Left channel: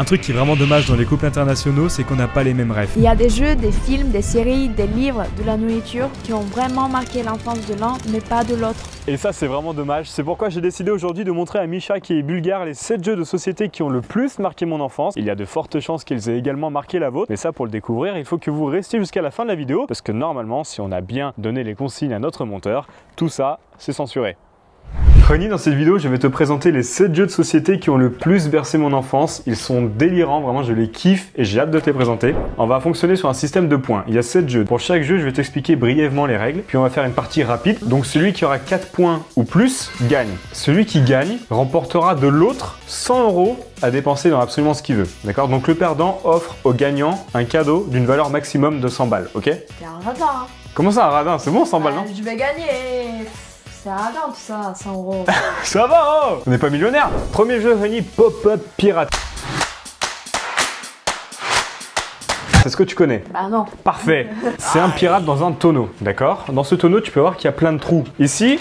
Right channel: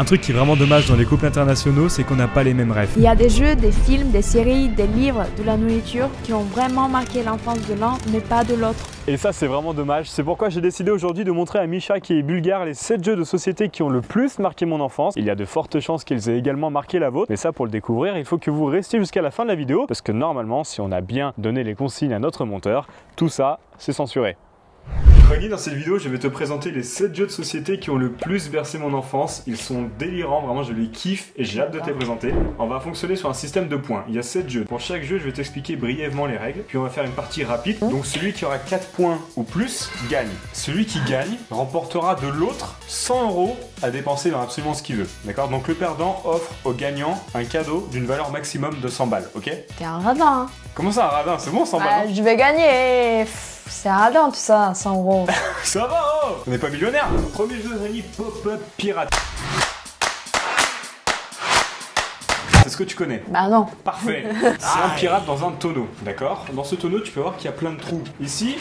Un truc qui est vraiment dommage dans les couples internationaux, c'est qu'on n'a pas les mêmes rêves. Il y a des jeux, des films, des séries, des livres, de la nourriture qui ont vraiment marqué l'enfance de l'un, mais pas de l'autre. Et ça, c'est vraiment dommage. C'est pourquoi j'ai décidé aujourd'hui de montrer à Misha, qui est bulgare, les 7 jeux de société qui ont le plus marqué mon enfance. Il y a de fortes chances qu'ils aient également marqué la vôtre. Mais ça, pour le découvrir, il faut que vous restiez jusqu'à la fin de la vidéo, parce que normalement, si on a bien donné les consignes à notre monteur, tout ça, c'est censuré. Ronnie, dans cette vidéo, je vais te présenter les 7 jeux de société qui ont le plus bercé mon enfance. Ils sont délirants, vraiment, je les kiffe et j'ai hâte de te les présenter. On va fonctionner sur un système de points. Il y a 7 jeux. Pour chaque jeu, je vais t'expliquer brièvement les règles. Puis on va faire une partie rapide. Donc celui qui aura 4 points ou plus gagne. Celui qui gagne remportera de l'autre 100 € à dépenser dans absolument ce qu'il veut. D'accord? Donc le perdant offre au gagnant un cadeau d'une valeur maximum de 100 balles. Ok? T'es un radin. Comment ça, un radin? C'est bon, 100 balles, non? Je vais gagner. C'est radin tout ça, 100 €. Ça va, oh, on n'est pas millionnaire. Premier jeu, Ronnie, Pop-Up Pirate. C'est ce que tu connais? Bah non. Parfait. C'est un pirate dans un tonneau, d'accord? Dans ce tonneau, tu peux voir qu'il y a plein de trous. Ici,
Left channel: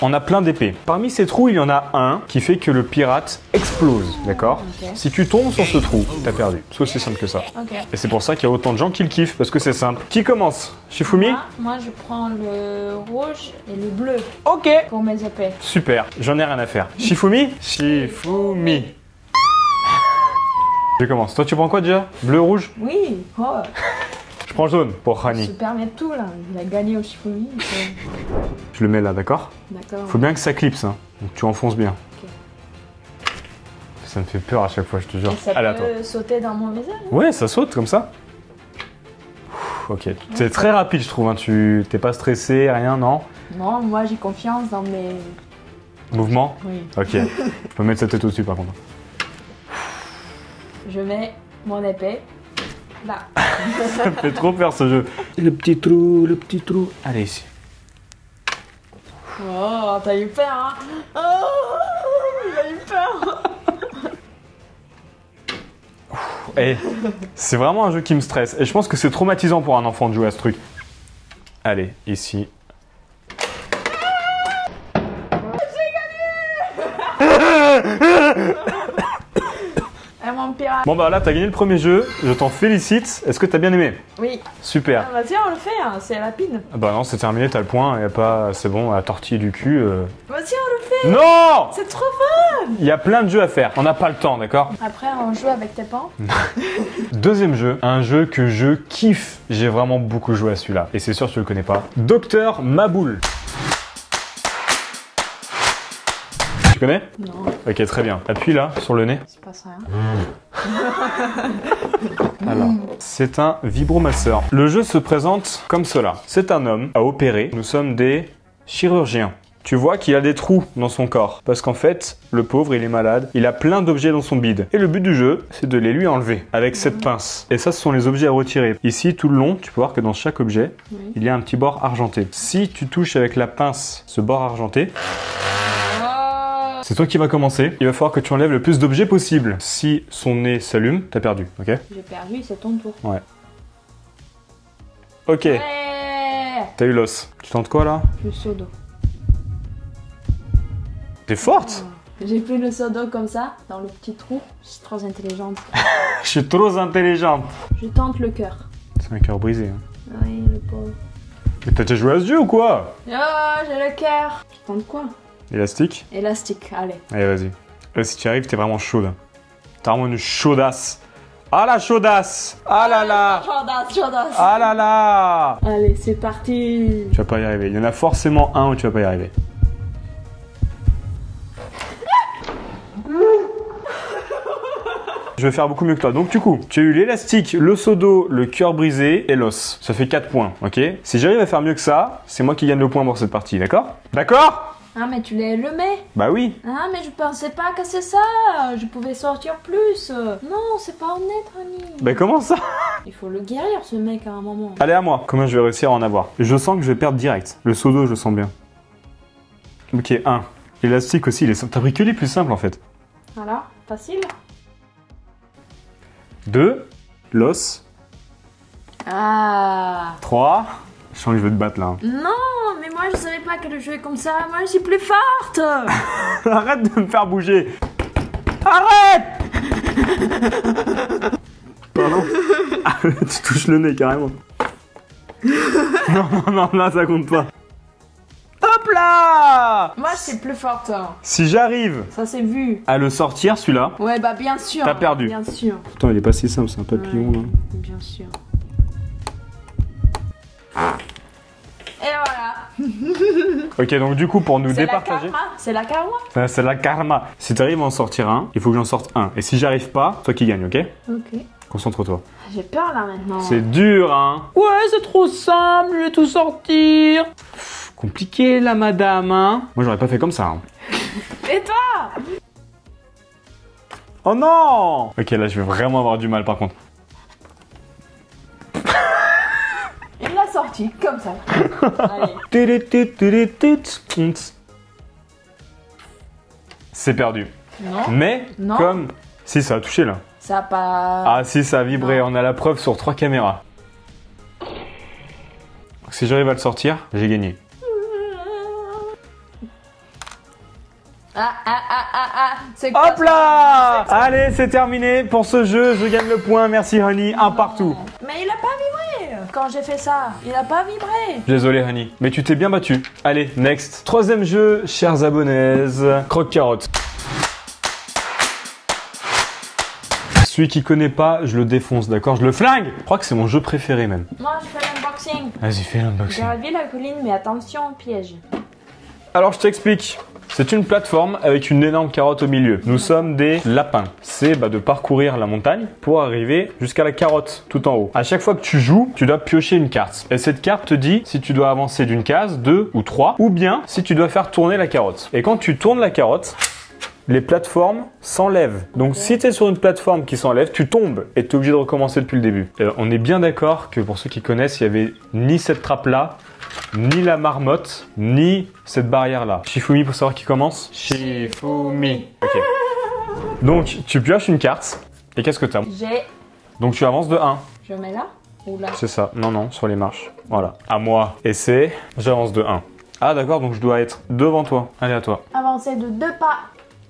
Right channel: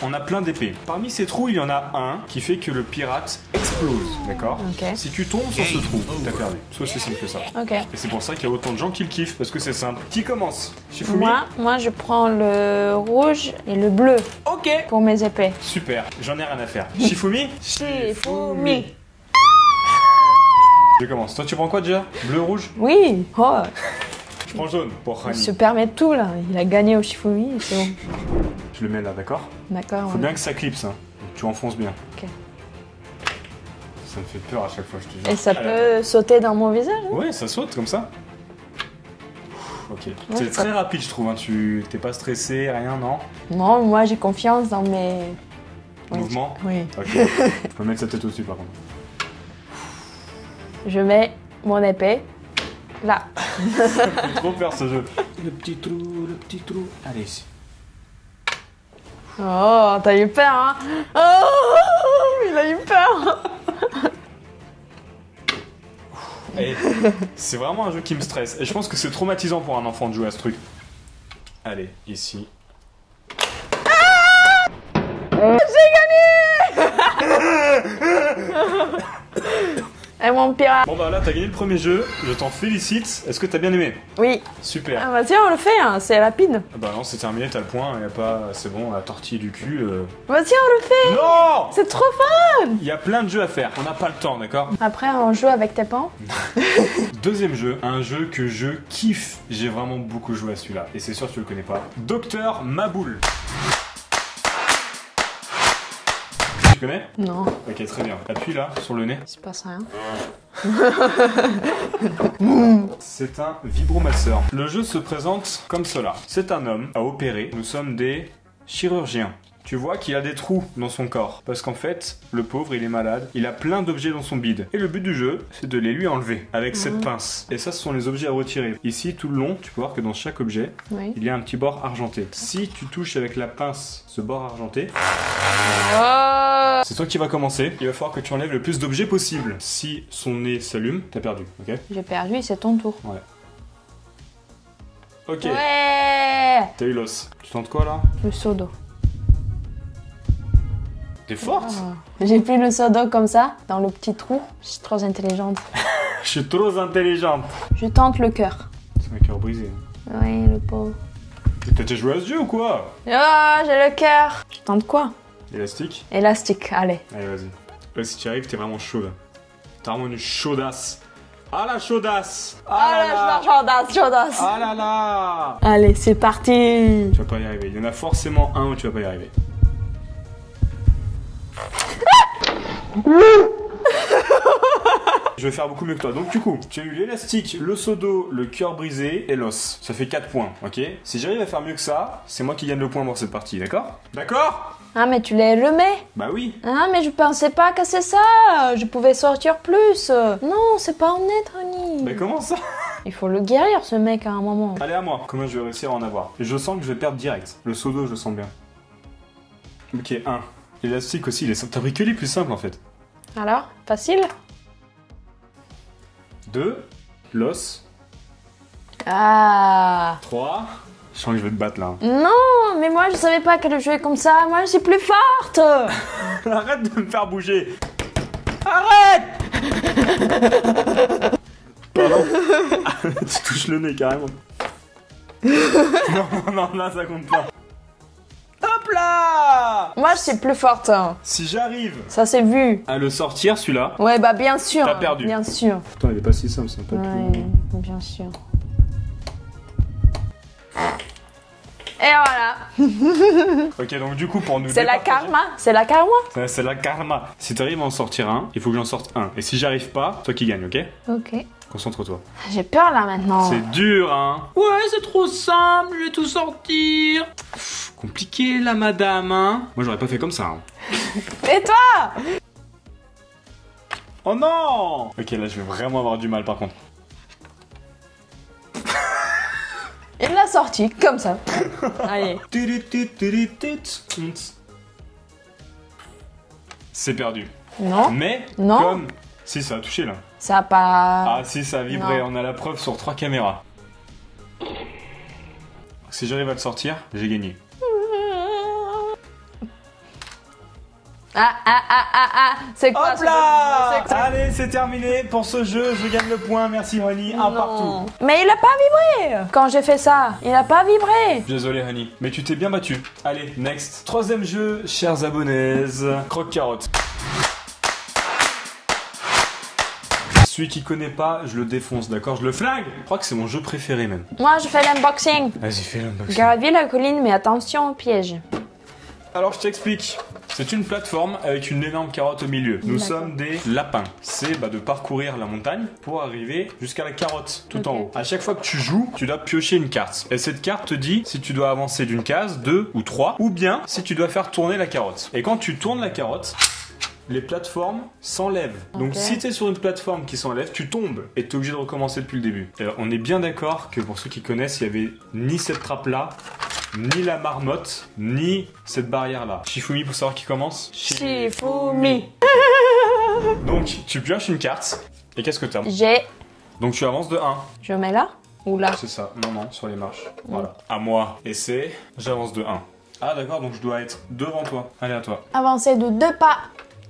on a plein d'épées. Parmi ces trous, il y en a un qui fait que le pirate explose, d'accord? Okay. Si tu tombes sur ce trou, t'as perdu. C'est aussi simple que ça. Okay. Et c'est pour ça qu'il y a autant de gens qui le kiffent, parce que c'est simple. Qui commence? Shifumi? Moi, je prends le rouge et le bleu. Ok. Pour mes épées. Super, j'en ai rien à faire. Shifumi? Shifumi. Je commence. Toi, tu prends quoi déjà? Bleu, rouge? Oui. Oh. Je prends jaune pour Il Rani. se permet tout là. Il a gagné au Shifumi. Je le mets là, d'accord? D'accord. Faut bien que ça clipse, hein. Donc tu enfonces bien. Ok. Ça me fait peur à chaque fois, je te jure. Et ça Allez, peut sauter dans mon visage? ouais, ça saute comme ça. Ok. C'est très rapide, je trouve. Hein. Tu t'es pas stressé, rien, non? Non, moi j'ai confiance dans mes Mouvement? Oui. Ok. Je peux mettre sa tête au-dessus par contre. Je mets mon épée là. Ça me fait trop peur ce jeu. Le petit trou, le petit trou. Allez, ici. Oh, t'as eu peur, hein? Oh, il a eu peur. Hey, c'est vraiment un jeu qui me stresse. Et je pense que c'est traumatisant pour un enfant de jouer à ce truc. Allez, ici. J'ai gagné. Et mon pirate. Bon bah là, t'as gagné le premier jeu. Je t'en félicite. Est-ce que t'as bien aimé? Oui. Super. Ah, vas-y, on le fait, hein. C'est rapide. Bah non, c'est terminé, t'as le point. Y a pas... C'est bon, la tortille du cul. Vas-y, on le fait. Non! C'est trop fun. Il y a plein de jeux à faire. On n'a pas le temps, d'accord? Après, on joue avec tes pans. Deuxième jeu, un jeu que je kiffe. J'ai vraiment beaucoup joué à celui-là. Et c'est sûr que tu le connais pas. Docteur Maboul. Tu connais? Non, Ok, très bien. Appuie là, sur le nez. c'est pas ça. C'est un vibromasseur. Le jeu se présente comme cela. C'est un homme à opérer. Nous sommes des chirurgiens. Tu vois qu'il a des trous dans son corps. Parce qu'en fait, le pauvre, il est malade. Il a plein d'objets dans son bide. Et le but du jeu, c'est de les lui enlever avec cette pince. Et ça, ce sont les objets à retirer. Ici, tout le long, tu peux voir que dans chaque objet, Oui. il y a un petit bord argenté. Si tu touches avec la pince ce bord argenté, c'est toi qui vas commencer. Il va falloir que tu enlèves le plus d'objets possible. Si son nez s'allume, t'as perdu, ok? J'ai perdu, c'est ton tour. Ouais. Ok, Ouais. t'as eu l'os. Tu tentes quoi là? Le seau d'eau. T'es forte? J'ai pris le seau d'eau comme ça, dans le petit trou. Je suis trop intelligente. Je suis trop intelligente. Je tente le cœur. C'est un cœur brisé. Hein. Oui, le pauvre. Mais t'as déjà joué à ce jeu ou quoi? Oh, j'ai le cœur. Je tente quoi? Élastique? Élastique, allez. Allez, vas-y. Là, si tu y arrives, t'es vraiment chaude. T'as vraiment une chaudasse. Ah la chaudasse! Ah là là! Chaudasse. Ah là là! Allez, c'est parti. Tu vas pas y arriver. Il y en a forcément un où tu vas pas y arriver. Je vais faire beaucoup mieux que toi. Donc du coup, tu as eu l'élastique, le seau d'eau, le cœur brisé et l'os. Ça fait 4 points, ok? Si j'arrive à faire mieux que ça, c'est moi qui gagne le point pour cette partie, d'accord? D'accord? Ah, mais tu l'as allumé? Bah oui. Ah, mais je pensais pas que c'est ça. Je pouvais sortir plus. Non, c'est pas honnête, Ronnie. Bah comment ça? Il faut le guérir, ce mec, à un moment. Allez à moi. Comment je vais réussir à en avoir? Je sens que je vais perdre direct. Le seau d'eau, je le sens bien. Ok, 1. L'élastique aussi, t'as pris que les plus simples en fait. Alors, facile? 2. L'os. Ah. 3. Je sens que je vais te battre là. Non, mais moi je savais pas qu'elle jouait comme ça. Moi je suis plus forte. Arrête de me faire bouger. Arrête. Pardon. Tu touches le nez carrément. Non, là ça compte pas. Hop là! Moi, je suis plus forte. Hein. Si j'arrive Ça, c'est vu. à le sortir, celui-là... Ouais, bah bien sûr. T'as perdu. Bien sûr. Pourtant, il est pas si simple, c'est un papillon. Ouais, bien sûr. Et voilà. Ok, donc du coup, pour nous C'est la départager... karma. C'est la karma. C'est la karma. Si t'arrives à en sortir un, il faut que j'en sorte un. Et si j'arrive pas, toi qui gagne, ok? Ok. Concentre-toi. J'ai peur là maintenant. C'est dur, hein? Ouais, c'est trop simple, je vais tout sortir. Compliqué, là, madame, hein? Moi, j'aurais pas fait comme ça, hein. Et toi? Oh non! Ok, là, je vais vraiment avoir du mal, par contre. Il l'a sorti, comme ça. Allez. C'est perdu. Non. Mais, Non. comme... Si, ça a touché, là. Ça a pas... Ah, si, ça a vibré. Non. On a la preuve sur 3 caméras. Si j'arrive à le sortir, j'ai gagné. C'est quoi? Hop là! Allez, c'est terminé pour ce jeu. Je gagne le point. Merci, Honey. Un partout. Mais il a pas vibré quand j'ai fait ça. Il a pas vibré. Désolé, Honey. Mais tu t'es bien battu. Allez, next. Troisième jeu, chers abonnés. Croque-carotte. Celui qui connaît pas, je le défonce, d'accord? Je le flingue! Je crois que c'est mon jeu préféré, même. Moi, je fais l'unboxing. Vas-y, fais l'unboxing. Gravir la colline, mais attention au piège. Alors, je t'explique. C'est une plateforme avec une énorme carotte au milieu. Nous sommes des lapins. C'est de parcourir la montagne pour arriver jusqu'à la carotte tout en haut. À chaque fois que tu joues, tu dois piocher une carte. Et cette carte te dit si tu dois avancer d'une case, 2 ou 3, ou bien si tu dois faire tourner la carotte. Et quand tu tournes la carotte, les plateformes s'enlèvent. Donc si tu es sur une plateforme qui s'enlève, tu tombes et tu es obligé de recommencer depuis le début. On est bien d'accord que pour ceux qui connaissent, il n'y avait ni cette trappe-là, ni la marmotte, ni cette barrière-là. Shifumi pour savoir qui commence? Shifumi. Okay. Donc tu pioches une carte et qu'est-ce que tu as? J'ai... Donc tu avances de 1. Je mets là ou là? C'est ça. Non, sur les marches. Voilà. À moi. Et c'est... J'avance de 1. Ah d'accord, donc je dois être devant toi. Allez, à toi. Avancer de 2 pas.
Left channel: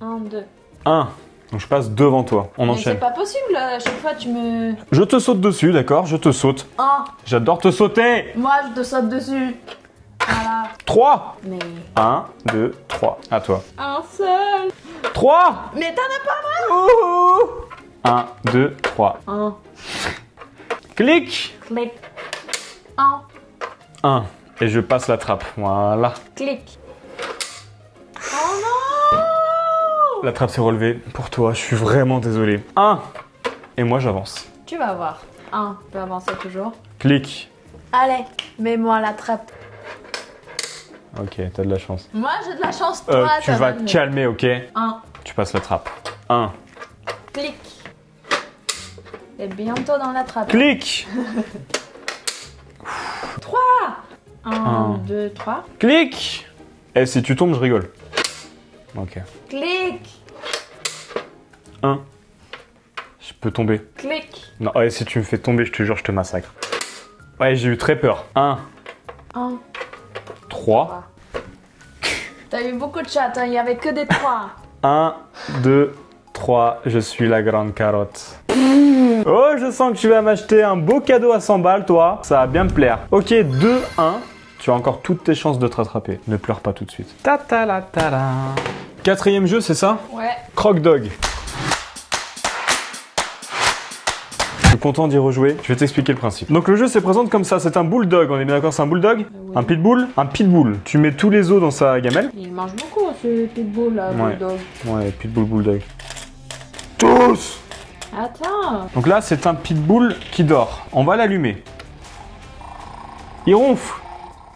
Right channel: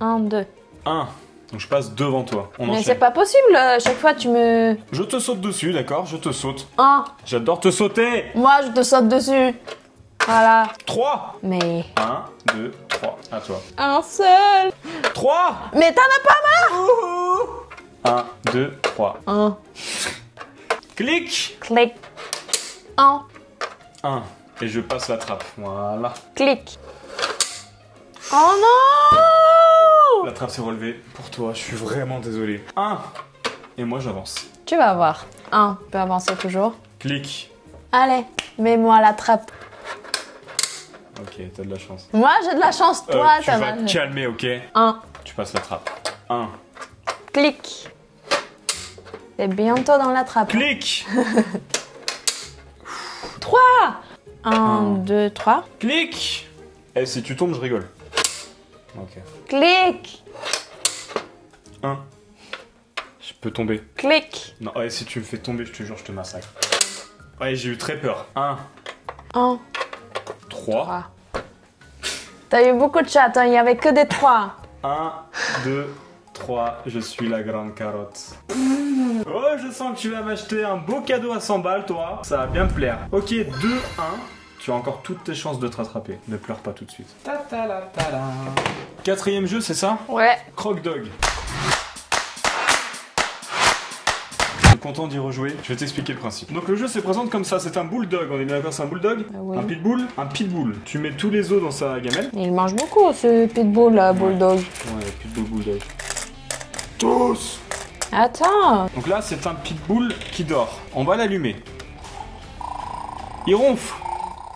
1, 2. 1. Donc je passe devant toi. On Mais enchaîne. c'est pas possible, à chaque fois tu me... Je te saute dessus, d'accord? Je te saute. 1. J'adore te sauter. Moi, je te saute dessus. Voilà. 3. Mais... 1, 2, 3. À toi. Un seul. 3. Mais t'en as pas mal. 1, 2, 3. 1. Clic. Clic. 1. 1. Et je passe la trappe. Voilà. Clic. Oh non! La trappe s'est relevée. Pour toi, je suis vraiment désolé. 1. Et moi, j'avance. Tu vas voir. 1. Tu peux avancer toujours. Clic. Allez, mets-moi la trappe. Ok, t'as de la chance. Moi, j'ai de la chance. Toi, Tu vas te calmer, ok? 1. Tu passes la trappe. 1. Clic. T'es bientôt dans la trappe. Clic. 3. 1, 2, 3. Clic. Et si tu tombes, je rigole. Ok. Clic. 1. Je peux tomber. Clic. Non, ouais, si tu me fais tomber, je te jure, je te massacre. Ouais, j'ai eu très peur. 1. 1. 3. T'as eu beaucoup de chats, hein, il n'y avait que des 3. 1, 2, 3. Je suis la grande carotte. Oh, je sens que tu vas m'acheter un beau cadeau à 100 balles, toi. Ça va bien me plaire. Ok, 2, 1. Tu as encore toutes tes chances de te rattraper. Ne pleure pas tout de suite. Ta-ta-la-ta-la. Quatrième jeu, c'est ça? Ouais. Croque Dog. Je suis content d'y rejouer. Je vais t'expliquer le principe. Donc le jeu se présente comme ça. C'est un bulldog. On est bien d'accord, c'est un bulldog? Oui. Un pitbull? Un pitbull. Tu mets tous les os dans sa gamelle. Il mange beaucoup, ce pitbull, là, bulldog. Ouais, pitbull, bulldog. Tous! Attends. Donc là, c'est un pitbull qui dort. On va l'allumer. Il ronfle.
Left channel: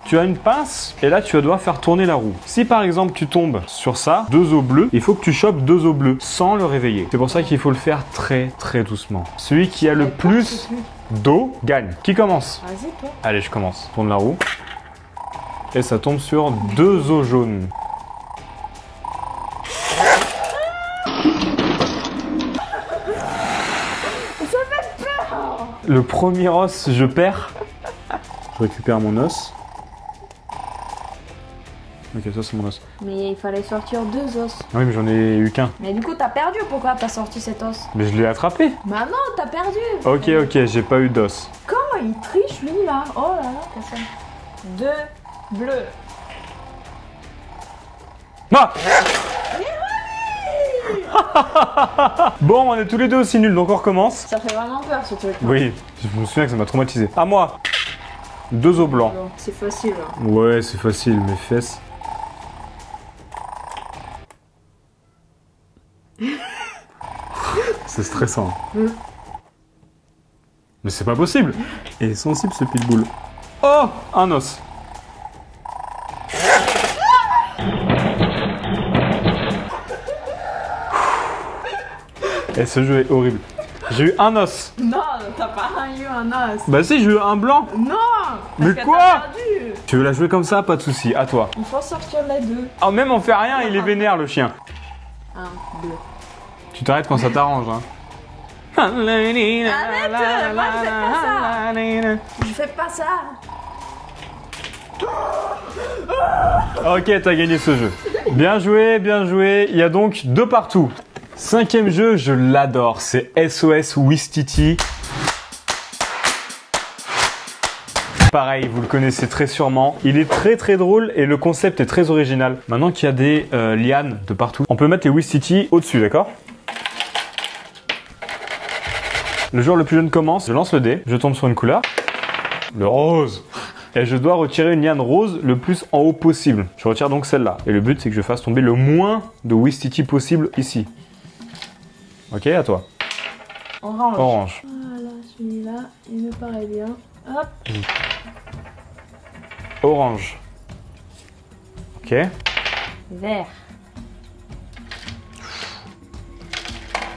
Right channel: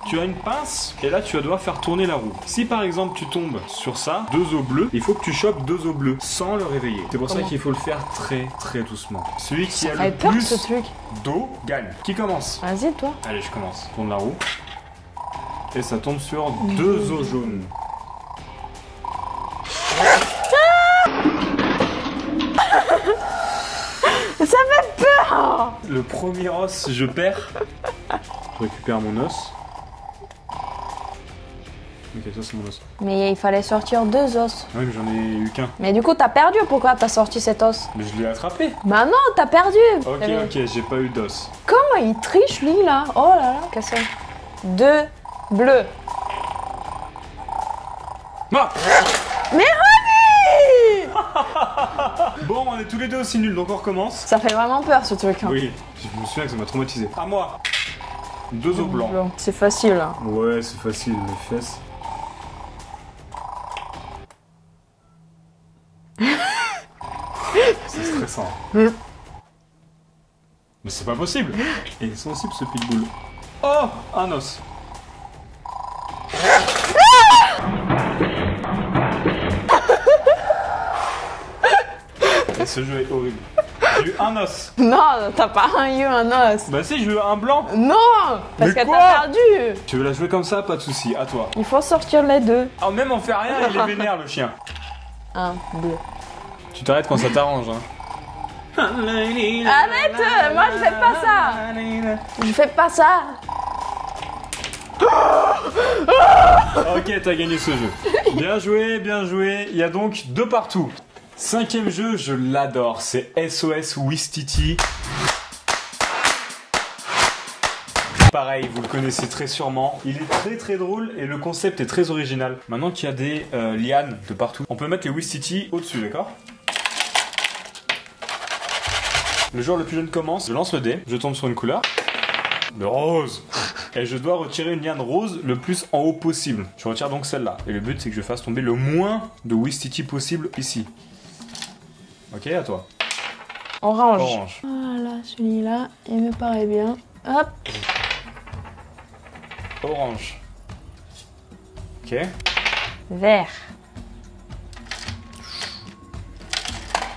Tu as une pince et là, tu vas devoir faire tourner la roue. Si par exemple, tu tombes sur ça, 2 os bleus, il faut que tu chopes 2 os bleus sans le réveiller. C'est pour ça qu'il faut le faire très très doucement. Celui qui a le plus d'os gagne. Qui commence? Vas-y, toi. Allez, je commence. Tourne la roue. Et ça tombe sur 2 os jaunes. Ça fait peur. Le premier os, je perds. Je récupère mon os. Ok, ça c'est mon os. Mais il fallait sortir 2 os. Oui, mais j'en ai eu qu'un. Mais du coup, t'as perdu. Pourquoi t'as sorti cet os? Mais je l'ai attrapé. Bah non, t'as perdu. Ok, ok, j'ai pas eu d'os. Comment il triche lui là? Oh là là, cassé. 2 bleus. Non. Mais Bon, on est tous les deux aussi nuls, donc on recommence. ça fait vraiment peur ce truc. Hein. Oui, je me souviens que ça m'a traumatisé. À moi. 2 os blancs. C'est facile là. Ouais, c'est facile, mes fesses. C'est stressant. Mais c'est pas possible. Il est sensible ce pitbull. Oh, un os. Et ce jeu est horrible. J'ai eu un os. Non, t'as pas eu un os. Bah si, j'ai eu un blanc. Non, Mais parce que quoi t'as perdu. Tu veux la jouer comme ça? Pas de souci. À toi. Il faut sortir les 2. Ah, même on fait rien, il est vénère le chien. Un bleu. Tu t'arrêtes quand ça t'arrange, hein. Arrête, moi je fais pas ça. Je fais pas ça. Ok, t'as gagné ce jeu. Bien joué, bien joué. Il y a donc 2 partout. 5e jeu, je l'adore. C'est SOS Ouistiti. Pareil, vous le connaissez très sûrement. Il est très très drôle et le concept est très original. Maintenant qu'il y a des lianes de partout, on peut mettre les Ouistiti au-dessus, d'accord? Le joueur le plus jeune commence. Je lance le dé, je tombe sur une couleur. Le rose. Et je dois retirer une liane rose le plus en haut possible. Je retire donc celle-là. Et le but, c'est que je fasse tomber le moins de Ouistiti possible ici. Ok, à toi. Orange. Orange. Voilà, celui-là, il me paraît bien. Hop. Orange. Ok. Vert.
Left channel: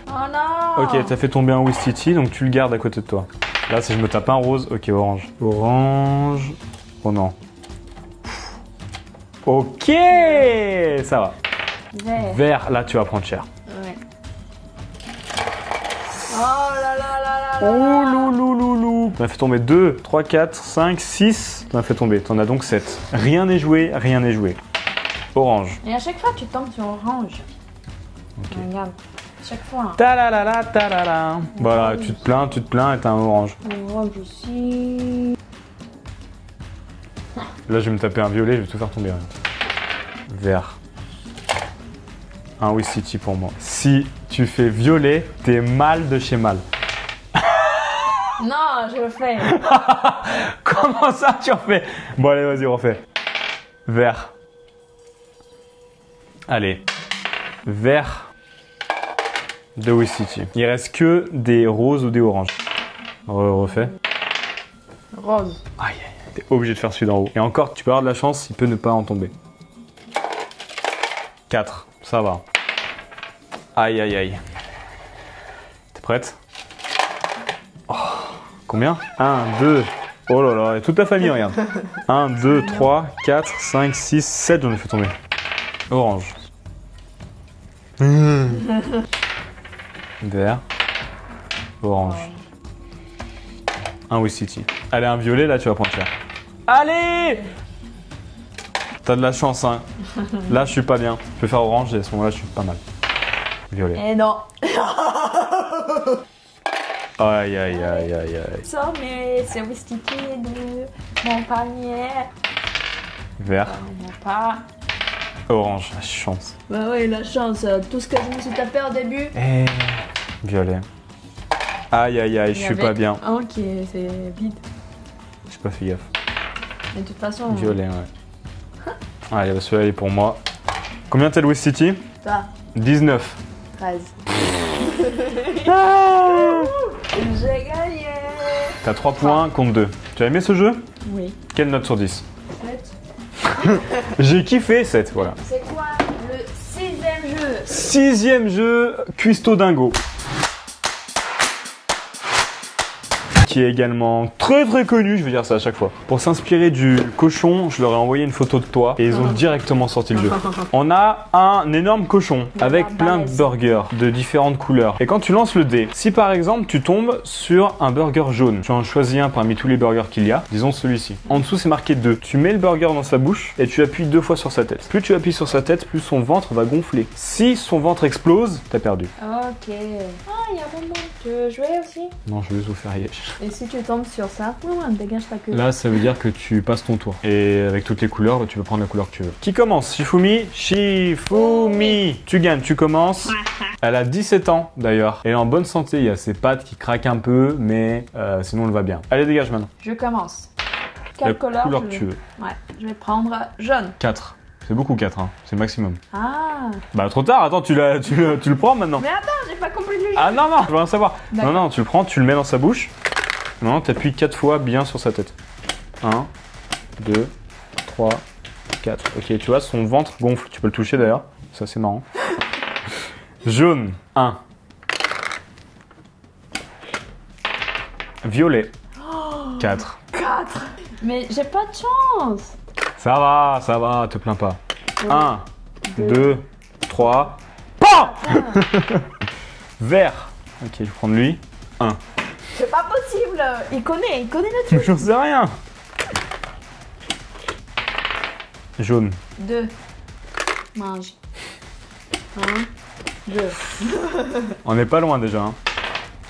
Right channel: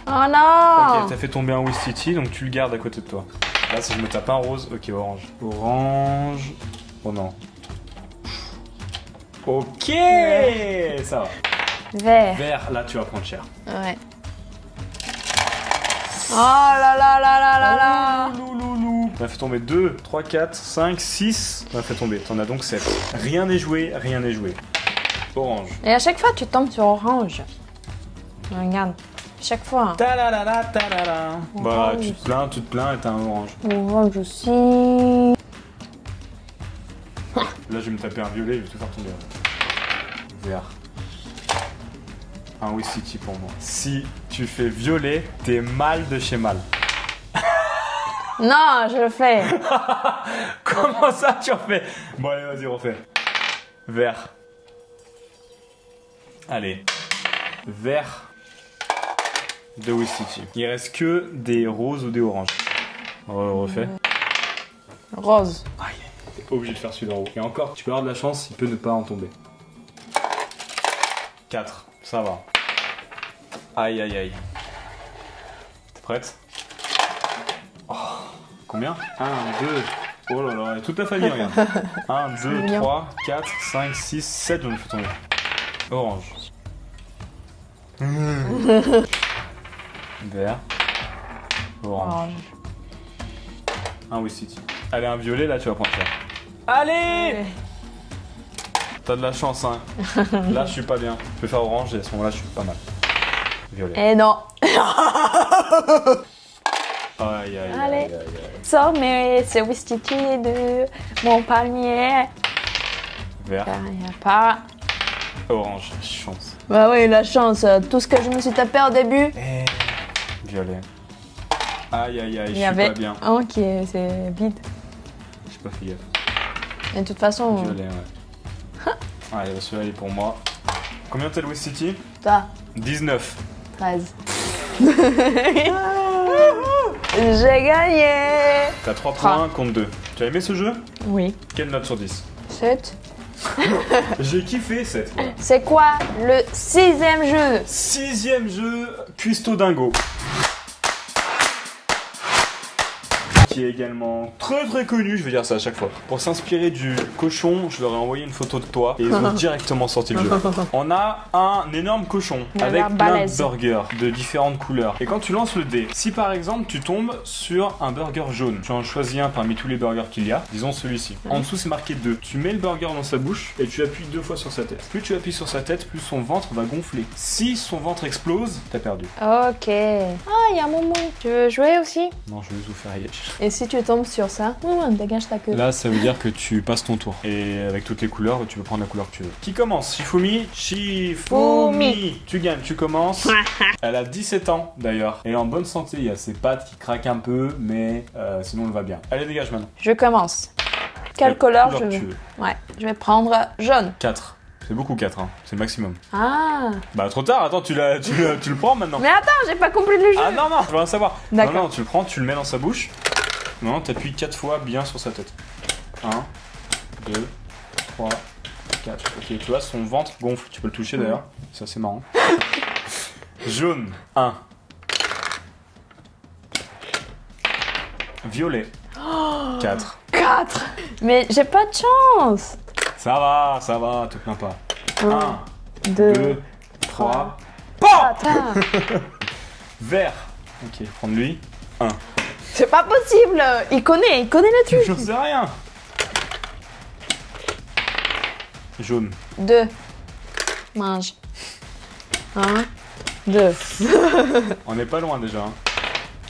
Oh non. Ok, t'as fait tomber un Ouistiti, donc tu le gardes à côté de toi. Là, si je me tape un rose, ok, orange. Orange. Oh non. Ok, ça va. Vert. Vert, là, tu vas prendre cher. Ouais. Oh là là là là là là. Oh louloulou. T'en as fait tomber 2, 3, 4, 5, 6. T'en as fait tomber. T'en as donc 7. Rien n'est joué, rien n'est joué. Orange. Et à chaque fois, tu tombes sur orange. Okay. Regarde. Chaque fois. Ta-la-la-la, ta-la-la. Bah, tu te plains et t'as un orange. Orange aussi. Là, je vais me taper un violet, je vais tout faire tomber. Vert. Un Ouistiti pour moi. Si tu fais violet, t'es mal de chez mal. Non, je le fais. Comment ça, tu refais? Bon, allez, vas-y, refais. Vert. Allez. Vert. De Ouistiti. Il reste que des roses ou des oranges. Refais. Rose. Aïe, t'es obligé de faire celui d'en haut. Et encore, tu peux avoir de la chance, il peut ne pas en tomber. 4, ça va. Aïe, aïe, aïe. T'es prête? Oh, combien? 1, 2. Oh là là, et toute ta famille, regarde. 1, 2, 3, 4, 5, 6, 7, j'en ai fait tomber. Orange. Vert. Orange. Un Ouistiti. Allez, un violet, là, tu vas prendre cher. Allez! T'as de la chance, hein. Là, je suis pas bien. Je vais faire orange et à ce moment-là, je suis pas mal. Violet. Et non. Aïe, aïe, aïe, aïe, aïe. Sors mes Ouistiti de mon panier. Vert. Il n'y a pas. Orange, la chance. Bah oui, la chance. Tout ce que je me suis tapé au début. Et... violet. Aïe, aïe, aïe, je suis pas bien. Ok, c'est vide. J'ai pas fait gaffe. Et de toute façon... Violet, ouais. Allez, celui-là, il est pour moi. Combien t'as de Ouistiti? Ça. 19. 13. J'ai gagné. T'as 3 points contre 2. Tu as aimé ce jeu? Oui. Quelle note sur 10? 7. J'ai kiffé 7, voilà. C'est quoi le 6e jeu? 6e jeu, Cuisto Dingo. qui est également très connu, je vais dire ça à chaque fois. Pour s'inspirer du cochon, je leur ai envoyé une photo de toi et ils ont directement sorti le jeu. On a un énorme cochon avec plein de burgers de différentes couleurs. Et quand tu lances le dé, si par exemple tu tombes sur un burger jaune, tu en choisis un parmi tous les burgers qu'il y a, disons celui-ci. En dessous c'est marqué 2. Tu mets le burger dans sa bouche et tu appuies 2 fois sur sa tête. Plus tu appuies sur sa tête, plus son ventre va gonfler. Si son ventre explose, t'as perdu. Ok. Ah, il y a un moment. Tu veux jouer aussi? Non, je vais vous faire y aller. Et si tu tombes sur ça, dégage ta queue. Là, ça veut dire que tu passes ton tour. Et avec toutes les couleurs, tu peux prendre la couleur que tu veux. Qui commence? Shifumi. Shifumi. Tu gagnes, tu commences. Elle a 17 ans d'ailleurs. Elle est en bonne santé. Il y a ses pattes qui craquent un peu, mais sinon elle va bien. Allez, dégage maintenant. Je commence. Quelle couleur que tu veux. Ouais, je vais prendre jaune. 4. C'est beaucoup 4, hein. C'est le maximum. Ah. Bah trop tard, attends, tu le prends maintenant. Mais attends, j'ai pas compris le jeu. Ah non, je veux rien savoir. D'accord. Non, tu le prends, tu le mets dans sa bouche. Non, t'appuies 4 fois bien sur sa tête. 1, 2, 3, 4. Ok, tu vois, son ventre gonfle. Tu peux le toucher d'ailleurs. Ça, c'est marrant. Jaune, 1. Violet, 4. 4. Mais j'ai pas de chance. Ça va, te plains pas. 1, 2, 3. Vert. Ok, je vais prendre lui. 1. C'est pas possible. Il connaît le truc. J'en sais rien. Jaune. 2. Mange. 1, 2. On n'est pas loin déjà. Hein.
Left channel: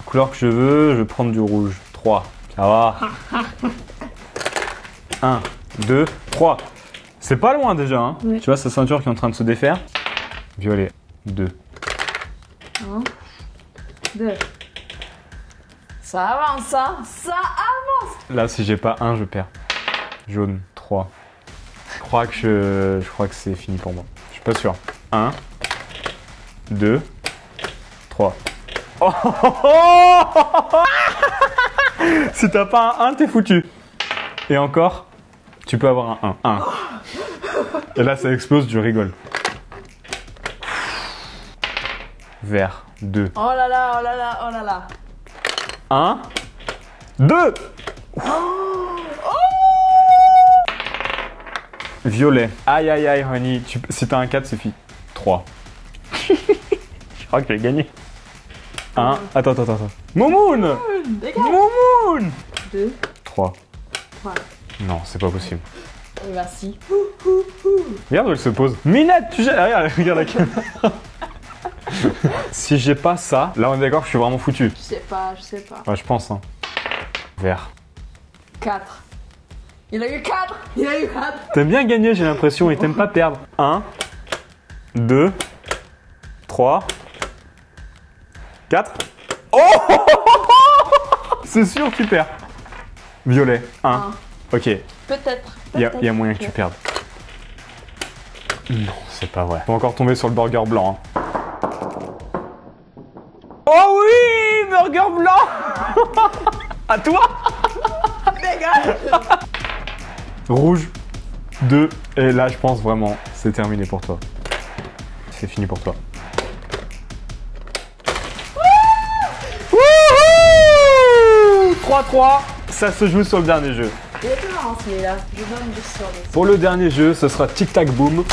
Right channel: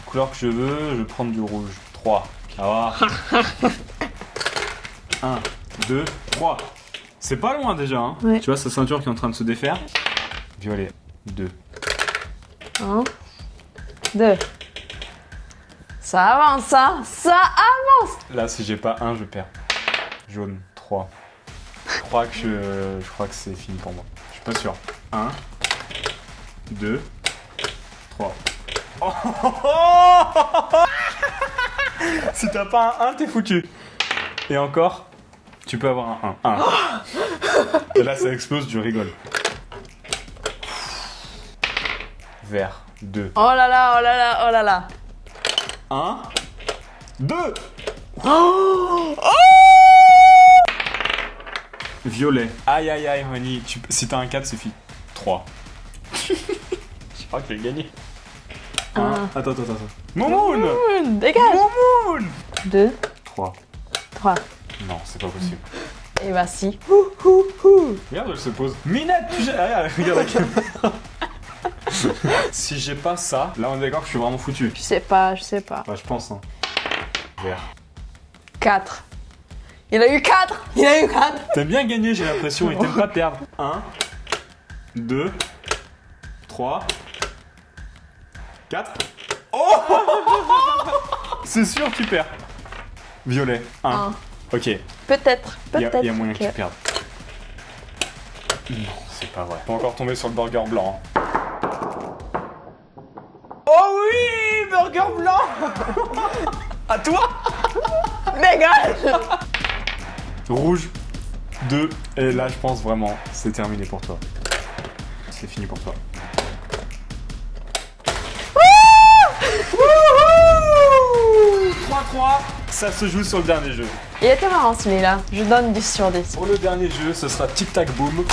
Couleur que je veux, je vais prendre du rouge. 3. Ça va. 1, 2, 3. C'est pas loin déjà. Hein. Ouais. Tu vois sa ceinture qui est en train de se défaire. Violet. 2. 1, 2. Ça avance, ça avance. Là, si j'ai pas 1, je perds. Jaune. 3. Je crois que c'est fini pour moi. Je suis pas sûr. 1, 2, 3. Oh si t'as pas un 1, t'es foutu. Et encore, tu peux avoir un 1. Et là, ça explose, je rigole. Vert. 2. Oh là là. 1, 2. Violet. Aïe, honey. Si t'as un 4, c'est fini. 3. Je crois que j'ai gagné. 1. Attends. Momoun. Dégage. Momoun. 2. 3. Non, c'est pas possible. Et bah si. Regarde où elle se pose. Minette, regarde la caméra. Si j'ai pas ça, là on est d'accord que je suis vraiment foutu. Je sais pas. Ouais, je pense. Hein. Vert. 4. Il a eu 4. T'aimes bien gagner, j'ai l'impression, et t'aimes pas perdre. 1, 2, 3, 4. Oh c'est sûr, tu perds. Violet. 1. Ok. Peut-être. Il y a moyen que tu perdes. Non, c'est pas vrai. Faut encore tomber sur le burger blanc. Hein. Oh oui, burger blanc. À toi. Dégage. Rouge. 2. Et là, je pense vraiment, c'est terminé pour toi. C'est fini pour toi. 3-3. Ça se joue sur le dernier jeu. Il était marrant celui-là. Je donne 10 sur 10. Pour le dernier jeu, ce sera Tic Tac Boom.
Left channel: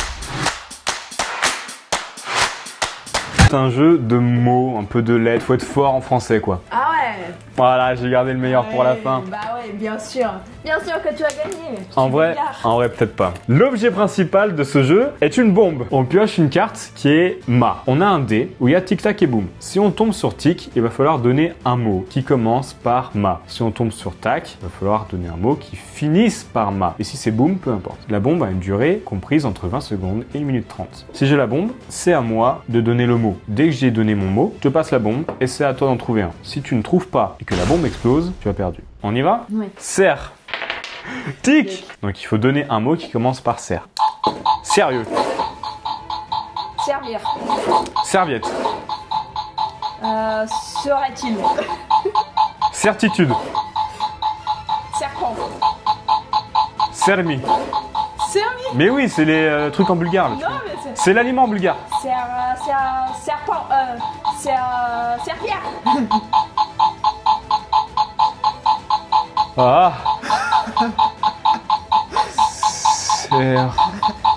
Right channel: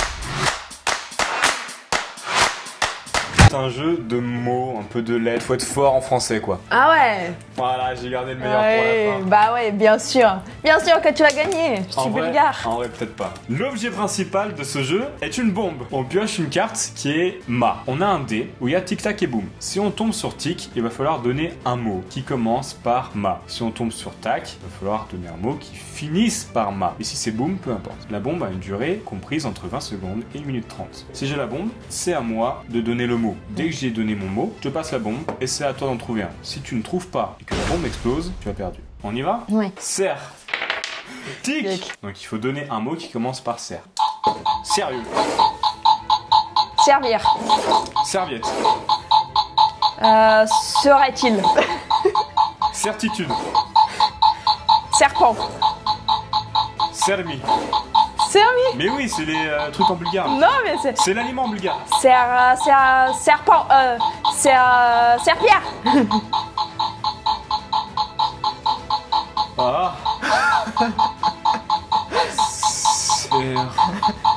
C'est un jeu de mots, un peu de lettres. Faut être fort en français, quoi. Ah ouais. Voilà, j'ai gardé le meilleur pour la fin. Bah ouais, bien sûr. Bien sûr que tu as gagné. Je suis bulgare. En vrai, peut-être pas. L'objet principal de ce jeu est une bombe. On pioche une carte qui est Ma. On a un dé où il y a Tic Tac et Boom. Si on tombe sur Tic, il va falloir donner un mot qui commence par Ma. Si on tombe sur Tac, il va falloir donner un mot qui finisse par Ma. Et si c'est Boom, peu importe. La bombe a une durée comprise entre 20 secondes et 1 minute 30. Si j'ai la bombe, c'est à moi de donner le mot. Dès que j'ai donné mon mot, je te passe la bombe et c'est à toi d'en trouver un. Si tu ne trouves pas et que la bombe explose, tu as perdu. On y va? Oui. Serre. Tic. Donc il faut donner un mot qui commence par serre. Sérieux. Servir. Serviette. Serait-il. Certitude. Serpent. Sermi. Sermi. Mais oui, c'est les trucs en bulgare. Là. Non mais c'est... C'est l'aliment bulgare. Serpent. Serpillère. Ah.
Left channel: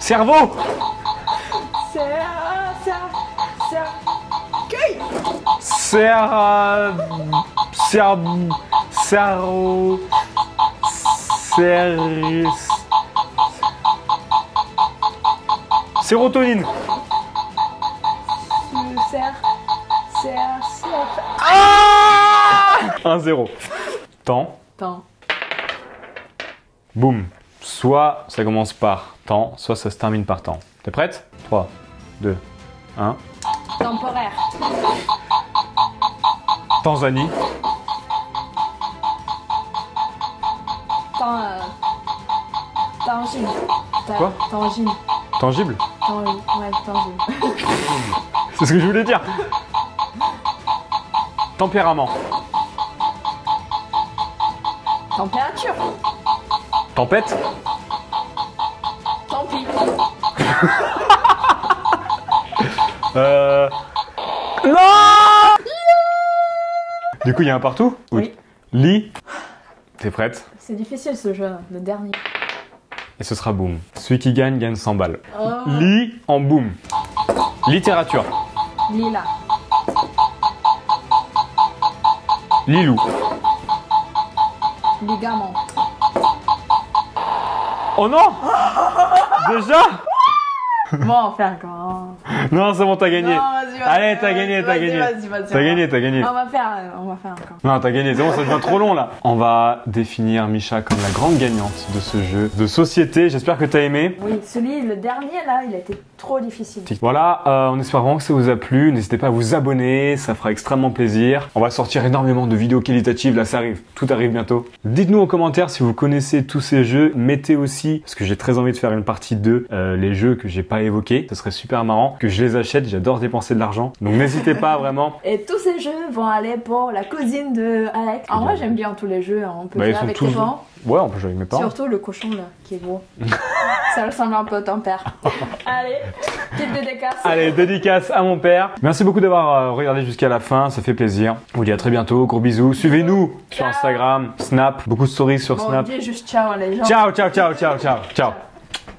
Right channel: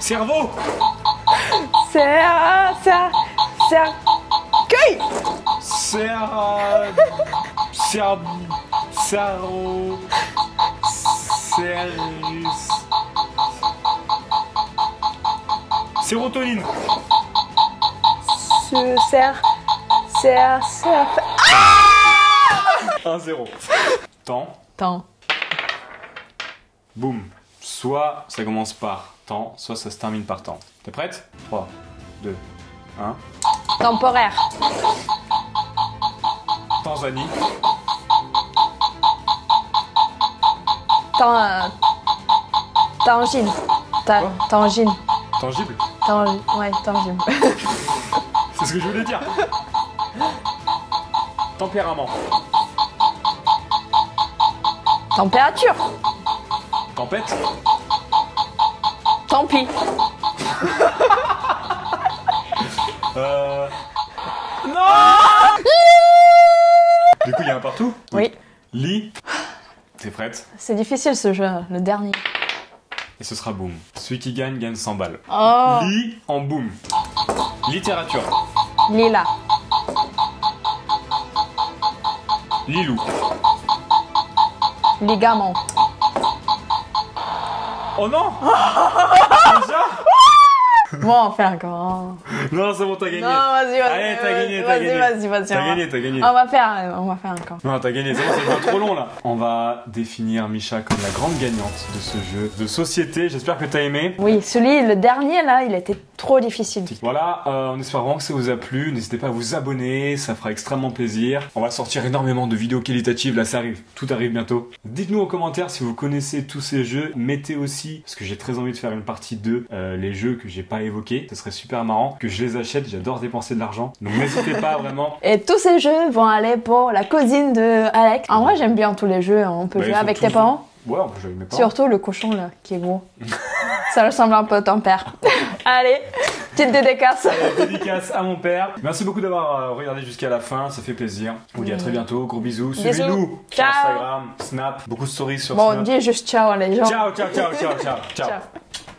Cerveau. Cercueil. Sérotonine. 1-0. Temps. Boum. Soit ça commence par temps, soit ça se termine par temps. T'es prête? 3, 2, 1. Temporaire. Tanzanie. Tangible. Quoi? Tangible. Tangible? Ouais, tangible. C'est ce que je voulais dire. Tempérament. Température. Tempête. Tant pis. Non. Du coup, il y a un partout? Oui. Lit. T'es prête? C'est difficile ce jeu, le dernier. Et ce sera boum. Celui qui gagne, gagne 100 balles. Oh. Lit en boum. Littérature. Lila. Lilou. Ligament. Oh non. Déjà? Bon, on fait encore. Hein. Non, c'est bon, t'as gagné. Non, vas-y. Allez, t'as gagné. Vas-y. T'as gagné. On va faire encore. Non, t'as gagné, c'est bon, ça devient trop long là. On va définir Misha comme la grande gagnante de ce jeu de société. J'espère que t'as aimé. Oui, le dernier là, il était trop difficile. Voilà, on espère vraiment que ça vous a plu. N'hésitez pas à vous abonner, ça fera extrêmement plaisir. On va sortir énormément de vidéos qualitatives, là ça arrive, tout arrive bientôt. Dites-nous en commentaire si vous connaissez tous ces jeux. Mettez aussi, parce que j'ai très envie de faire une partie 2, les jeux que j'ai pas évoqués. Ce serait super marrant que je les achète, j'adore dépenser de l'argent. Donc n'hésitez pas vraiment. Et tous ces jeux vont aller pour la cousine de Alec. Alors moi j'aime bien tous les jeux, on peut jouer avec tes parents. Ouais, on peut jouer avec mes parents. Surtout le cochon là, qui est gros. Ça ressemble un peu à ton père. Allez, petite dédicace. Allez, dédicace à mon père. Merci beaucoup d'avoir regardé jusqu'à la fin, ça fait plaisir. On vous dit à très bientôt, gros bisous. Suivez-nous sur Ciao. Instagram, Snap, beaucoup de stories sur Snap. Bon, dis juste ciao les gens. Ciao.